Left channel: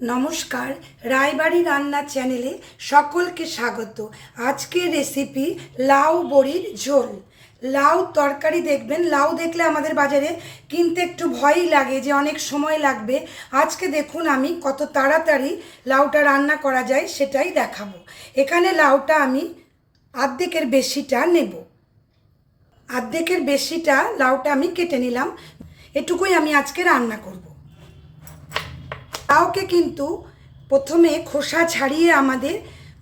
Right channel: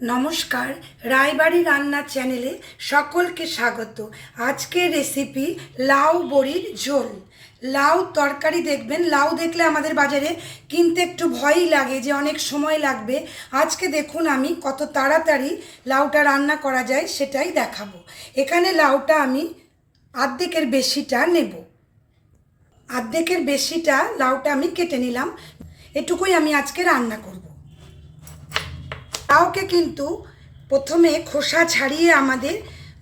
নমস্কার, রায়বাড়ি রান্নার চ্যানেলে সকলকে স্বাগত। আজকের রেসিপি লাউ বড়ির ঝোল। লাউ তরকারি দেখবেন, লাউ দেখলে আমাদের বাজারে কিনতে একটু ভয়ই লাগে যে অনেক সময় লাগবে। আজকে দেখুন আমি কত তাড়াতাড়ি লাউটা রান্না করা যায় সেটাই দেখাবো। এখানে লাউটা আমি অর্ধেকের বেশিটা নেব। অর্ধেকের বেশিটা লাউটা আমি কেটে নিলাম। এটুকুই আমি আজকে রান্না করব। লাউকে কিন্তু প্রথমে খোসা ছাড়িয়ে আমাদের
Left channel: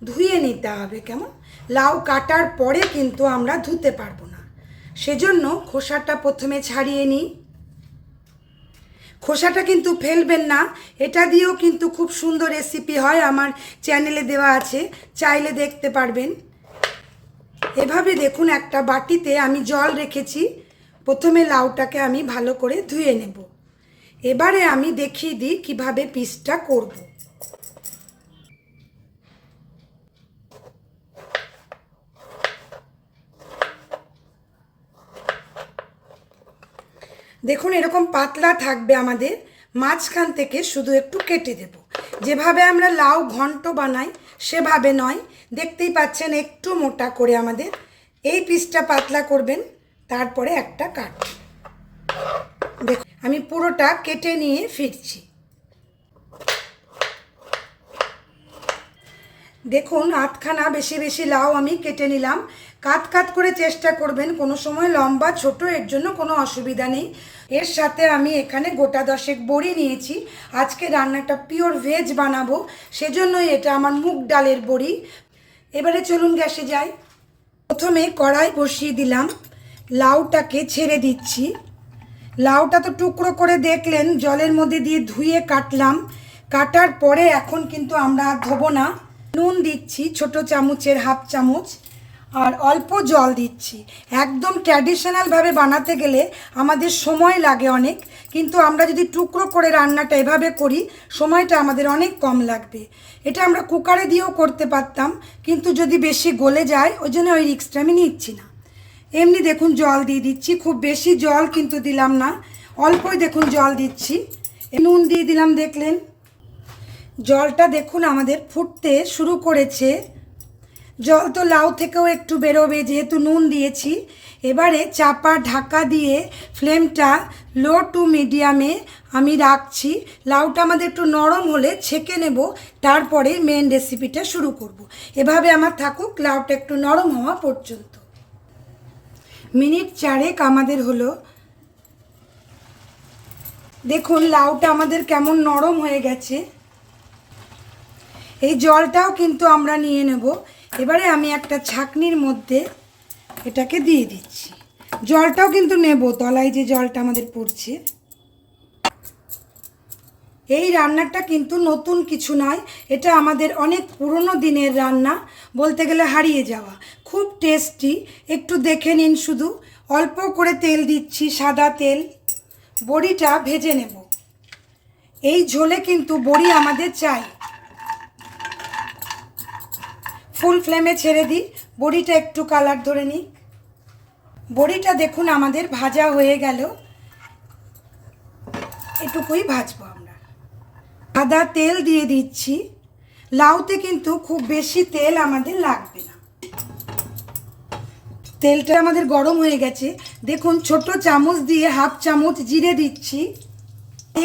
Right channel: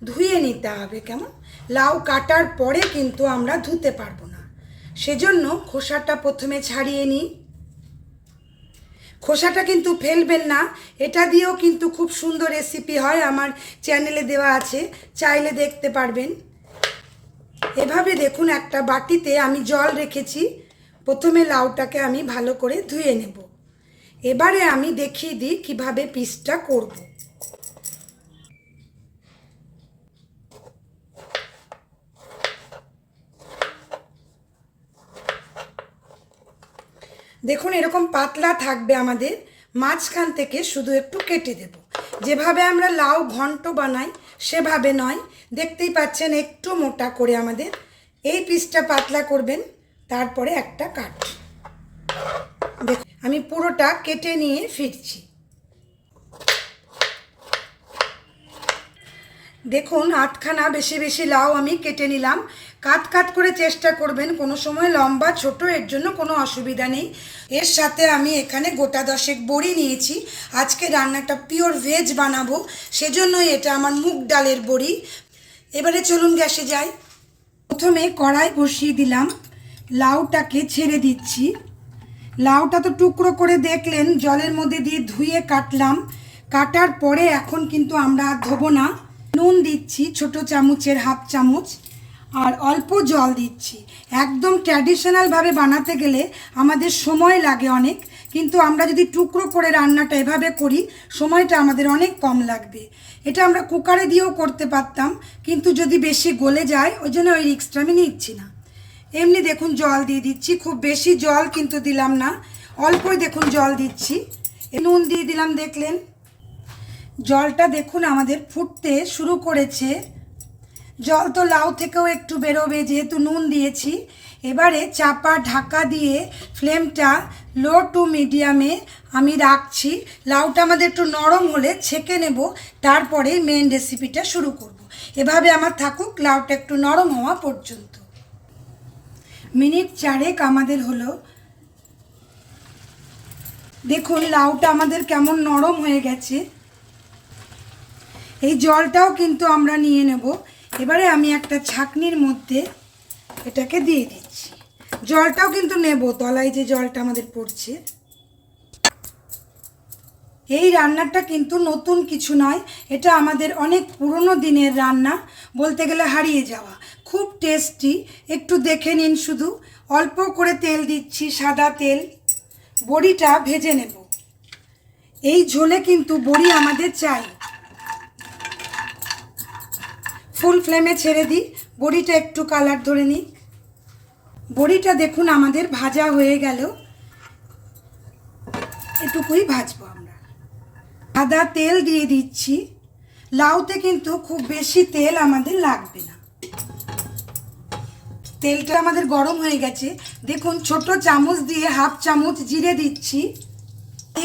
ধুয়ে নিতে হবে। কেমন, লাউ কাটার পরে কিন্তু আমরা ধুতে পারবো না, সেজন্য খোসাটা প্রথমে ছাড়িয়ে নিই। খোসাটা কিন্তু ফেলবেন না, এটা দিয়েও কিন্তু খুব সুন্দর রেসিপি হয়, আমার চ্যানেলে দেওয়া আছে, চাইলে দেখতে পারবেন। এভাবে দেখুন একটা বাটিতে আমি জল রেখেছি। প্রথমে লাউটাকে আমি ভালো করে ধুয়ে নেব। এবারে আমি দেখিয়ে দিই কিভাবে পিসটা করব। দেখুন এরকম পাতলা থাকবে, আমাদের মাঝখান থেকে শুধু একটু কেটে দেব। যেভাবে আমরা লাউ ঘন্ট বানাই সেভাবে নয়, দেখতেই পাচ্ছেন একটু মোটা করে আমাদের এই পিসটা পাতলা করবেন। তারপরে একটা কাট। দেখুন আমি পুরোটা কেটে নিয়ে ফিরছি। দেখুন আটখানা বেশি বেশি লাউ আমি কেটে নিলাম। কাট কাট করে চেষ্টা করবেন, কোনো সময় লম্বা ছোট এর জন্য কোনো অসুবিধা নেই। এর সাথে আমি এখানে গোটা 10 বড়ি নিয়েছি। আজকে রান্নাটা পিওর ভেজ বানাবো, সেজন্যই এটা আমার মুগ ডালের বড়ি। এবারে চলুন গ্যাসে যাই। প্রথমে কড়াই বসিয়ে দিলাম, লাউটাকে ছেড়ে দিচ্ছি। লাউটা তো টুকরো করে দেখলেন, জলের মধ্যে দিয়ে ধুয়ে কাটলাম। কাটার পরে এখন কিন্তু আমরা ধোবো না। নুন দিচ্ছি ছোট চামচের হাফ চামচ, আর অল্প জল দিচ্ছি। একদম ট্র্যাডিশনালভাবে বানাতে গেলে আমাদের সময় লাগে অনেক, কিন্তু আমরা যদি টুকরো করে রান্নাটা এভাবে করি সময়টা আমাদের অনেক কম লাগবে। এটা আমরা কুকারে দিয়েও করতে পারতাম, কিন্তু যদি বেশি গলে যায় ওই জন্য ওই রিস্কটা আমি নিচ্ছি না। এমনি দেখুন জল দিয়ে দিচ্ছি, খুব বেশি জল কিন্তু দিলাম না, অল্পই দেখুন জল দিচ্ছি। নুন দিয়ে দিলাম, দেখলেন জলটা দেখুন আমাদের ফুটতে শুরু করেছে। জল তো লাউ থেকেও একটু বেরোবে যেহেতু নুন দিয়েছি। এবারে চাপা ঢাকা দিয়ে ফ্লেমটা লো টু মিডিয়ামে আমি রাখছি। লাউটা আমাদের একটু নরম হলে ছেঁকে নেব, তারপরে মেন রেসিপিটা শুরু করব। এভাবে আমার থাকুক লাউটা একটু নরম হওয়া পর্যন্ত। মিনিট 4 আমাদের হলো। দেখুন লাউটা আমাদের কেমন নরম হয়ে গেছে। এই জলটাও কিন্তু আমরা নিয়ে নেব। এবারে আমি একটা ছাঁকনির মধ্যে এটাকে দিয়ে দিচ্ছি। জলটাও কিন্তু নেব, তলায় যে জলটা আমাদের পড়ছে। এই রান্নাটা কিন্তু নতুন কিছু নয়, এটা আমাদের অনেক পুরনো দিনের রান্না, বলতে গেলে হারিয়ে যাওয়া, খুব টেস্টি। একটু দেখে নিন, শুধু অল্প করে তেল দিচ্ছি, সাদা তেল। বড়িটা ভেজে নেব। এই ঝোলে কিন্তু বড়ি আমাদের চাই। ফুল ফ্লেমে ছেড়ে দিই, বড়িটা একটু কালার ধরে নিই। বড়িটা দেখুন আমাদের ভাজা হয়ে গেল। এটুকুই ভাজবো আমরা। সাদা তেল দিয়ে দিচ্ছি। লাউতে কিন্তু খুব বেশি তেল আমাদের লাগবে না। তেলটা আমাদের গরম হয়ে গেছে। দেখুন ছোট চামচ দিয়ে হাফ চামচ জিরে দিচ্ছি,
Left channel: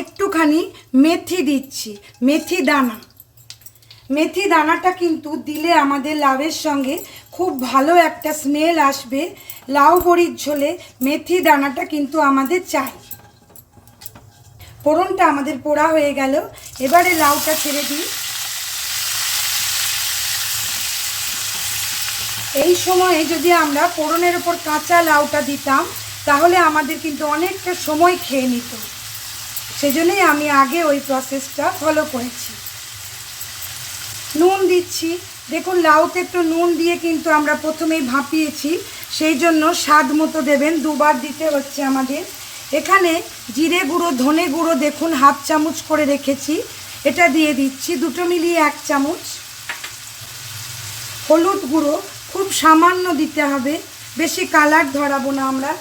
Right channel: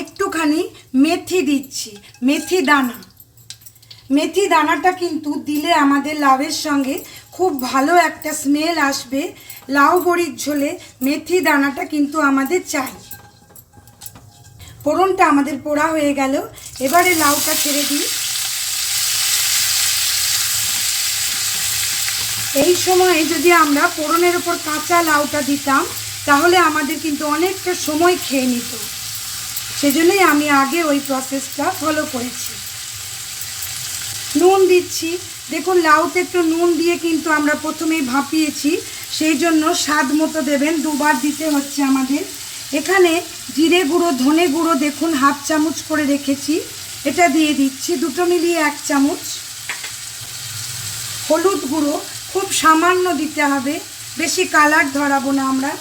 একটুখানি মেথি দিচ্ছি, মেথি দানা। মেথি দানাটা কিন্তু দিলে আমাদের লাউয়ের সঙ্গে খুব ভালো একটা স্মেল আসবে। লাউ বড়ির ঝোলে মেথি দানাটা কিন্তু আমাদের চাই। ফোড়নটা আমাদের পোড়া হয়ে গেল। এবারে লাউটা ছেড়ে দিই। এই সময়ে যদি আমরা ফোড়নের ওপর কাঁচা লাউটা দিতাম তাহলে আমাদের কিন্তু অনেকটা সময় খেয়ে নিত, সেজন্যই আমি আগে ওই প্রসেসটা ফলো করেছি। নুন দিচ্ছি। দেখুন লাউতে একটু নুন দিয়ে কিন্তু আমরা প্রথমেই ভাপিয়েছি, সেই জন্য স্বাদ মতো দেবেন, দুবার দিতে হচ্ছে আমাদের। এখানে জিরে গুঁড়ো ধনে গুঁড়ো দেখুন হাফ চামচ করে রেখেছি, এটা দিয়ে দিচ্ছি, দুটো মিলিয়ে 1 চামচ। হলুদ গুঁড়ো খুব সামান্য দিতে হবে, বেশি কালার ধরাবো না আমরা।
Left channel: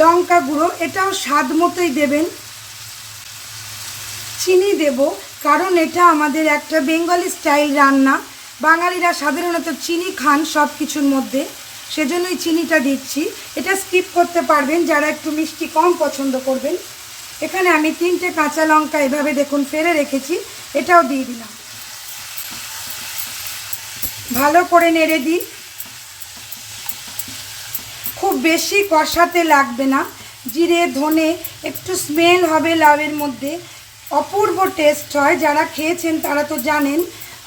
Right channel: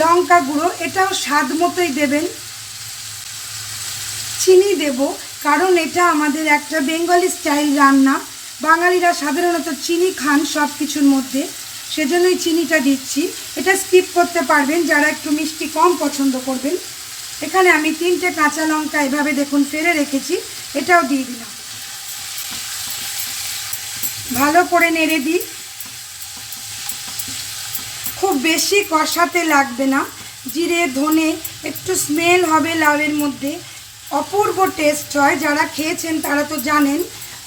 লঙ্কা গুঁড়ো এটাও স্বাদ মতোই দেবেন। চিনি দেব, কারণ এটা আমাদের একটা বেঙ্গলি স্টাইল রান্না। বাঙালিরা সাধারণত চিনি খান সব কিছুর মধ্যে, সেজন্যই চিনিটা দিচ্ছি। এটা স্কিপ করতে পারবেন যারা একটু মিষ্টি কম পছন্দ করবেন। এখানে আমি 3টে কাঁচা লঙ্কা এভাবে দেখুন ফেলে রেখেছি, এটাও দিয়ে দিলাম। ভালো করে নেড়ে দিই। খুব বেশি কষাতে লাগবে না, জিরে ধনে একটু স্মেল হবে লাউয়ের মধ্যে, অপূর্ব টেস্ট হয়। যারা খেয়েছেন তারা তো জানেন,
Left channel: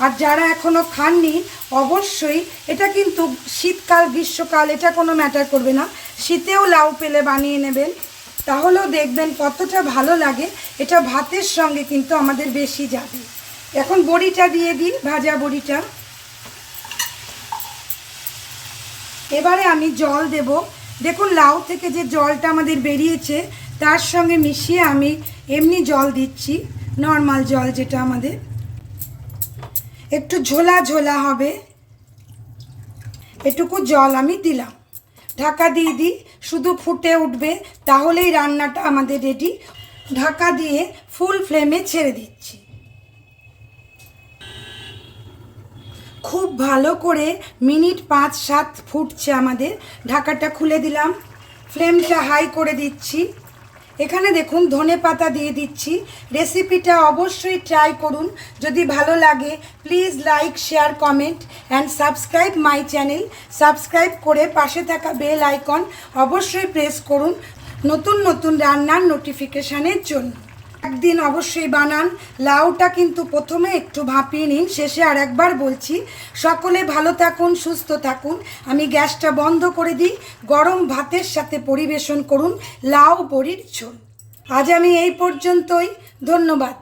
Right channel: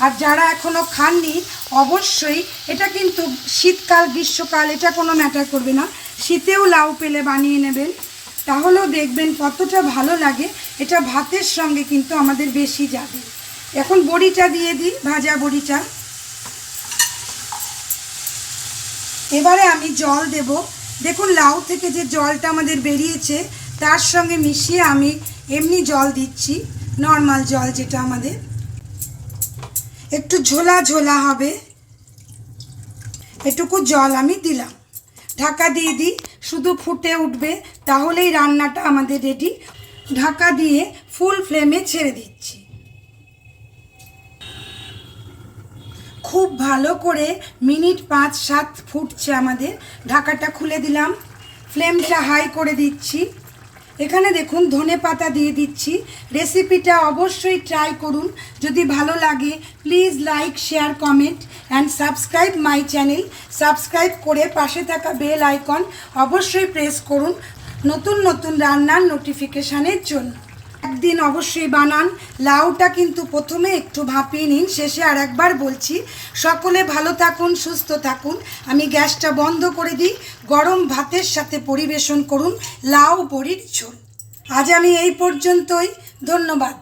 আর যারা এখনও খাননি অবশ্যই, এটা কিন্তু শীতকাল গ্রীষ্মকাল এটা কোনো ম্যাটার করবে না, শীতেও লাউ পেলে বানিয়ে নেবেন, তাহলেও দেখবেন কতটা ভালো লাগে। এটা ভাতের সঙ্গে কিন্তু আমাদের বেশি যাবে। এখন বড়িটা দিয়ে দিই, ভাজা বড়িটা। এবারে আমি জল দেব। দেখুন লাউ থেকে যে জলটা আমাদের বেরিয়েছে তার সঙ্গে মিশিয়ে আমি এমনি জল দিচ্ছি, নর্মাল জল যেটা আমাদের, একটু ঝোলা ঝোলা হবে এটুকু জল আমি দিলাম। ঢাকা দিয়ে দিই, শুধু ফুটে উঠবে তাহলেই রান্নাটা আমাদের রেডি। ঢাকা দিয়ে ফুল ফ্লেমে ছেড়ে দিচ্ছি। খুব ভালো করে মিনিট 5-7 ফুটছে আমাদের। ঢাকাটা খুলে দিলাম, ফ্লেমটা হাই করে দিচ্ছি। এখানে দেখুন ধনে পাতা দিয়ে দিচ্ছি। রেসিপিটা অবশ্যই ট্রাই করুন, যদি ভালো লাগে please like share comment and subscribe my channel. Subscribe করে পাশে থাকা বেল আইকন অবশ্যই প্রেস করুন নতুন নতুন রান্নার নোটিফিকেশানের জন্য। একদিন অবশ্যই বানান। লাউটা কিন্তু প্রথমে একটু ভাপিয়ে নিন, শেষে আর একবার বলছি। সকলে ভালো থাকুন, সুস্থ থাকুন। আমি গ্যাসটা বন্ধ করে দিই। গরম ভাতের সাথে পরিবেশন করুন লাউ বড়ির ঝোল। আজ আমি এই পর্যন্তই, ধন্যবাদ।